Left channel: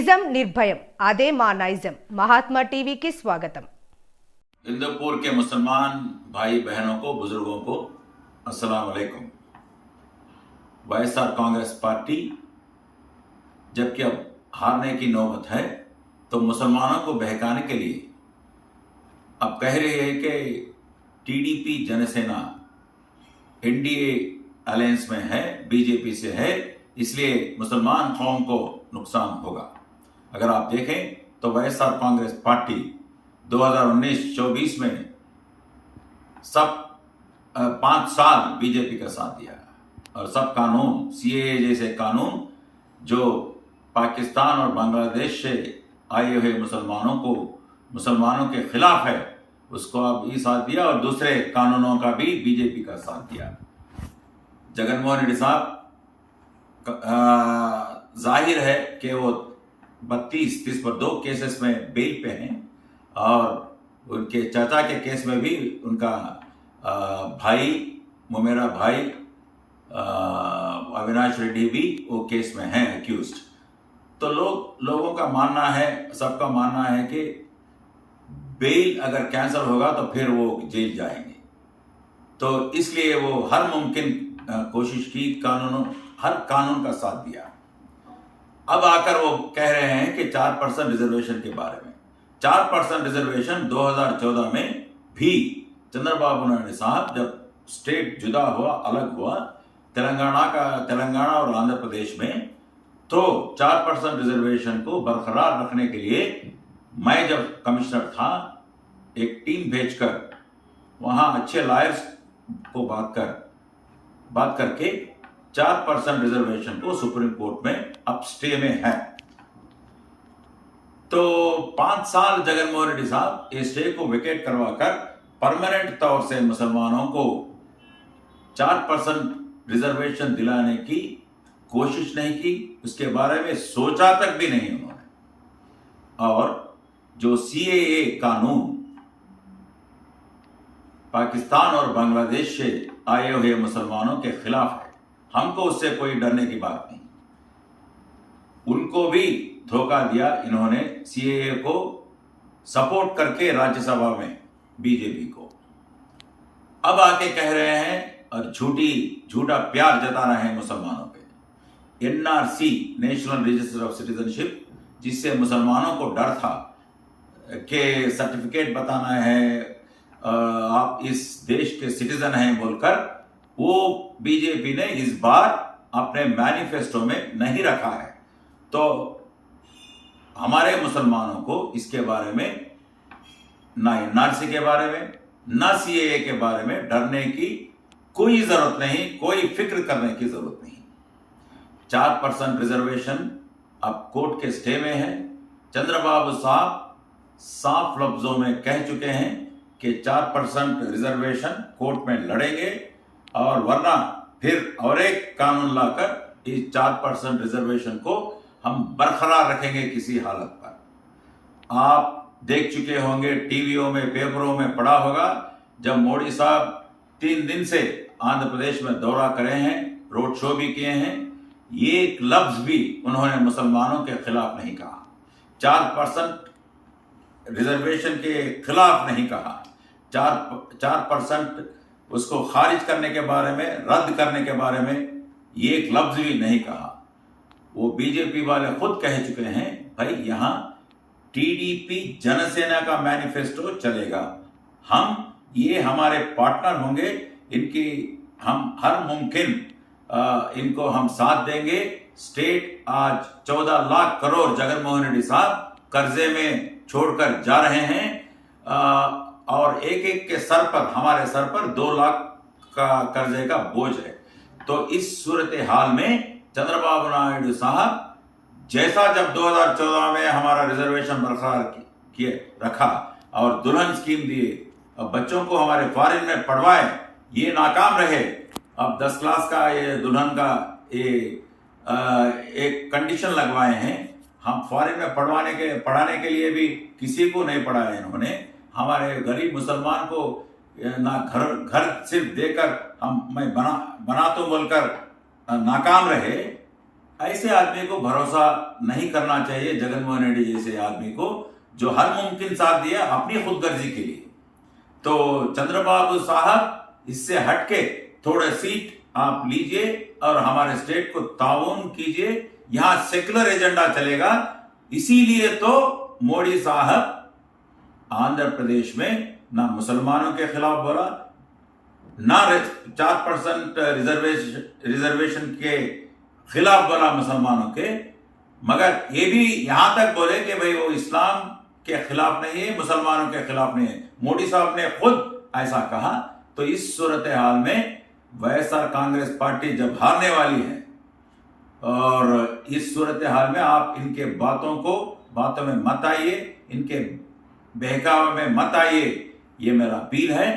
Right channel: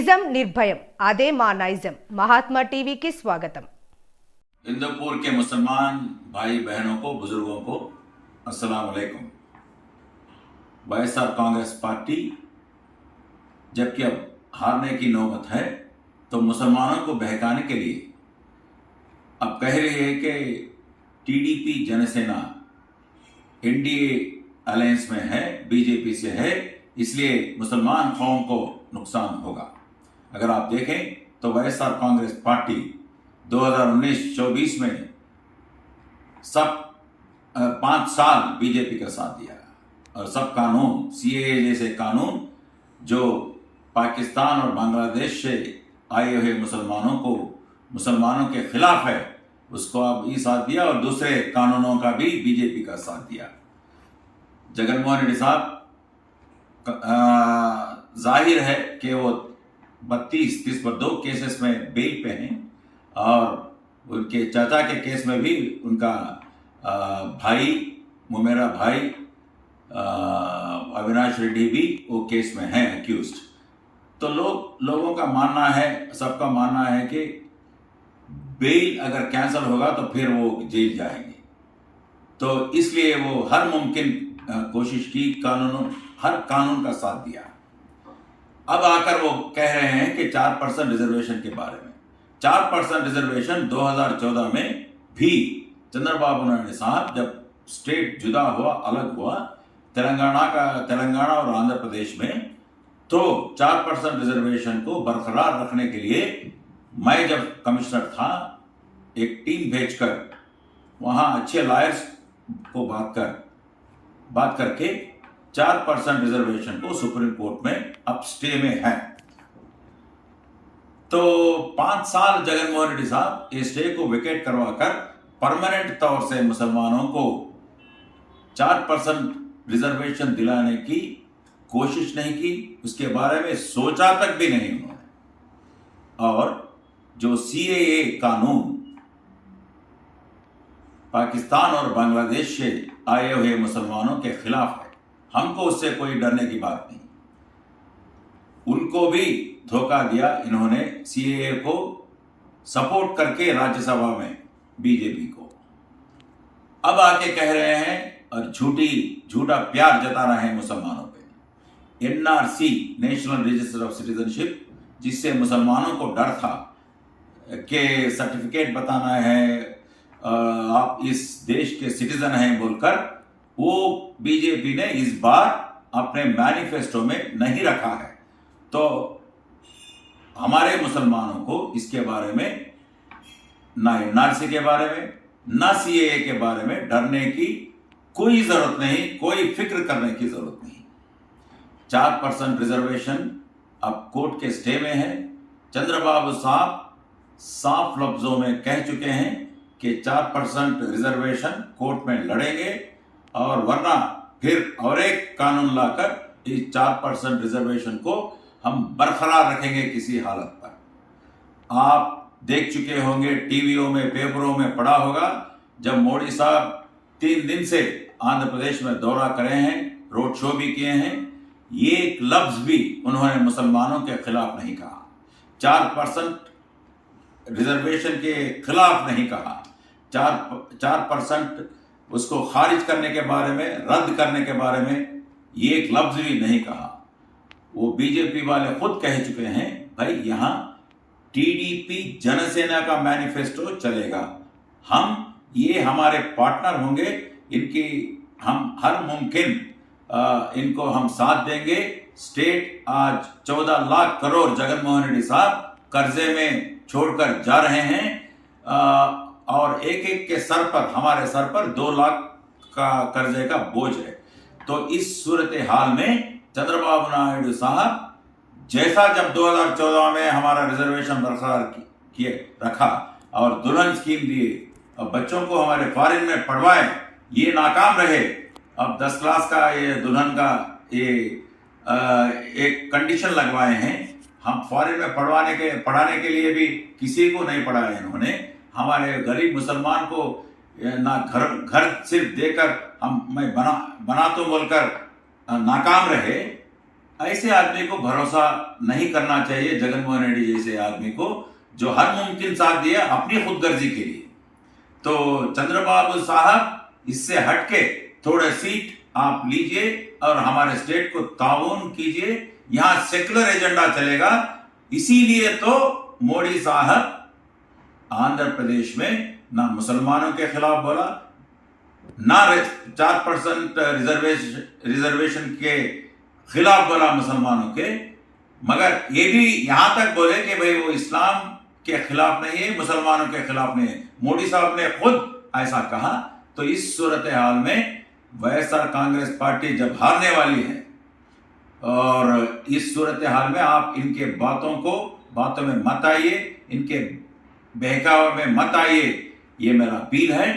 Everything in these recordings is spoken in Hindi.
నిజం నిర్భయం అదే మా నైజం महात्मा टीवी की स्वागतम। इंदौपुर के मुसलमान भाई बहनों को, बुजुर्गों को अस्सलाम वालेकुम। वाईएसआर कांग्रेस पार्टी जबकि अब हारने की नौबत है तो मुसलमानों को बहकाने के लिए अब कह रही है कि टीडीपी जनसेना एनडीए अलायंस में है, बीजेपी से है, इसलिए मुसलमान कौम को नुकसान होगा। अगर आप देखें तो वाईएसआर कांग्रेस पार्टी 2019-24 में सब 5 साल बीजेपी का साथ दिया और सब कानून, सीएए जैसे कानून जो पाकिस्तान और बांग्लादेश से आए हुए मुसलमानों के खिलाफ है, उसको अब भी साथ दिया और दूसरे कानूनों का भी बीजेपी का साथ दिया। जगनमोहन रेड्डी साहब जाहिर है कि वो 32-30 पर 2 केसेस में बेल पे हैं और उनके चाचा के केस में भी उनका भाई, मुमेरा भाई अविनाश रेड्डी भी वो केस में हैं अक्यूज्ड। तो लोगों का मानना है, सबका मानना है कि बेल अगर कैंसिल होगा तो फिर वो जेल जाएंगे। तो इसलिए वो हर मुमकिन कोशिश की, हर कानून का साथ दिया। अब आकर वो कह रहे हैं कि 4% रिजर्वेशन के बारे में। 4% रिजर्वेशन 2014 में भी चंद्रबाबू नायडू साहब जब स्टेट जुदा हुआ, अलग हुआ तेलंगाना और आंध्र प्रदेश में, तो 4% रिजर्वेशन को बरकरार रखने के लिए मैं जब कमिश्नर था एक टीम भेजकर वहां अच्छे लॉयर्स को बात करके 4% रिजर्वेशन को सुप्रीम कोर्ट में अब स्टे में है। तो 5 साल जगनमोहन रेड्डी साहब इस स्टे को विकेट करवाकर परमानेंट तौर से मुसलमानों को 4% रिजर्वेशन दिलाने की कोशिश नहीं की, उसके बारे में सोचा तक भी नहीं उन्होंने। और जो सीएए कानून पाकिस्तान और बांग्लादेश से आए हुए मुसलमानों के खिलाफ है, हमको उससे कोई डरने की बात नहीं। उनको भी धोखा दिया इन्होंने, सीएए को सपोर्ट करके राज्यसभा में बीजेपी को। अब आके कह रहे हैं और झूठा प्यार जता रहे हैं मुसलमानों पे। NRC, national register of citizenship, जिससे मुसलमानों को डर था कि सर्टिफिकेट बताना है, आप इस देश के सिटीजन हैं बोलकर, वो बीजेपी ने इस बार अपने मैनिफेस्टो में नहीं रखा है। तो हमारे मुसलमानों को इसके बारे में, ना एनआरसी के बारे में, ना सीएए के बारे में डरने की कोई जरूरत नहीं, कोई फिक्र करने की जरूरत नहीं। 4% रिजर्वेशन अब कोर्ट के स्टे में है। चंद्रबाबू साहब साफ लफ्जों में कह चुके हैं कि 4% रिजर्वेशन कोर्ट में लड़ेंगे और वरना फिर और एक कानून लाकर इस 4% रिजर्वेशन को हम बरकरार रखेंगे किसी हालत पर। आप देख चुके होंगे, टीवीओं में, पेपरों में पढ़ा होगा, जब मोदी साहब 3 दिन से आंध्र प्रदेश में दौरा करे हैं, रोड शो भी किए हैं, ये एक लफ्ज भी उन्होंने मुसलमानों के खिलाफ नहीं कहा, 4% रिजर्वेशन के खिलाफ नहीं कहा, 4% उसको खारिज करने के बारे में, रद्द करने के बारे में ये एक लफ्ज भी नहीं कहा। वो बीजेपी वाले खुद कह चुके हैं, भाई यहां टीडीपी जनसेना का मैनिफेस्टो चलेगा, ये हमारे पार्टनर होंगे, इनकी हम हर मुमकिन इनको हम साथ देंगे। स्टेट आज 14 लाख करोड़ जगनमोहन रेड्डी साहब कर्जे में छोड़कर जा रहे हैं और एक के सर पर, हमारे सर पर 2 लाख का कर्जे का बोझ है। तो इस सूरत हाल में चंद्रबाबू नायडू साहब जैसा जब 2014 में हमारा रिजर्वेशन बरकरार किए रखा और दुल्हन स्कीम दिए, अब बच्चों को हमारे फॉरेन में पढ़वाए, ये नाकाम रहे। अब 10 क्लास का ये दुल्हन का ये एक कंडीशन लगवाए हैं, हम फॉरेन में पढ़ाने के लिए भी किसी को नहीं पढ़ाया इन्होंने। हमारे गरीब मुसलमान को ना घर सिर्फ देकर मैं बना तो बोलकर नाकाम रहे। ऐसे आदमी को भरोसा नहीं करना चाहिए, जगनमोहन रेड्डी जैसे आदमी को, जो हर मुमकिन साथ दिया अपनी खुदगर्जी के लिए। तो चंद्रबाबू साहब इससे हटके थोड़ा सीट आप लीजिए और हमारे स्टेट को ताउन कीजिए, यहां सेक्युलर एजेंडा चलेगा। इसीलिए तो मोदी साहब आंध्र प्रदेश में ना मुसलमानों के खिलाफ बोला, ना 4% रिजर्वेशन के खिलाफ बोला मुसलमानों के, मगर ये भी यहां तक बोले कि भाई वो इस्लाम के खिलाफ नहीं है, मुसलमानों के खिलाफ नहीं है। मोदी साहब ने खुद ऐसा कहा। तो इस सूरत हाल में वाईएसआर कांग्रेस पार्टी जब हारने वाली है, और इस सूरत हाल में आप इनके बातों में मत आइए, इनके बहकावे में मत आइए, ये मेरा अपील है।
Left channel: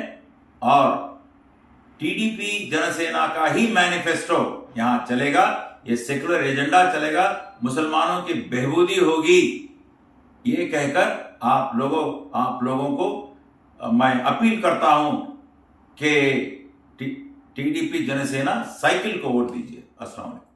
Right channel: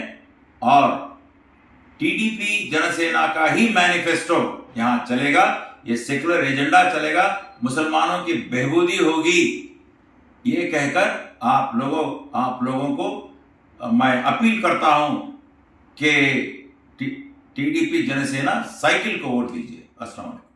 और टीडीपी जनसेना का ही मैनिफेस्टो यहां चलेगा, ये सेकुलर एजेंडा चलेगा, मुसलमानों की बेहबूदी होगी, ये कहकर आप लोगों को मैं अपील करता हूं कि टीडीपी जनसेना साइकिल को वोट दीजिए। अस्सलाम वालेकुम।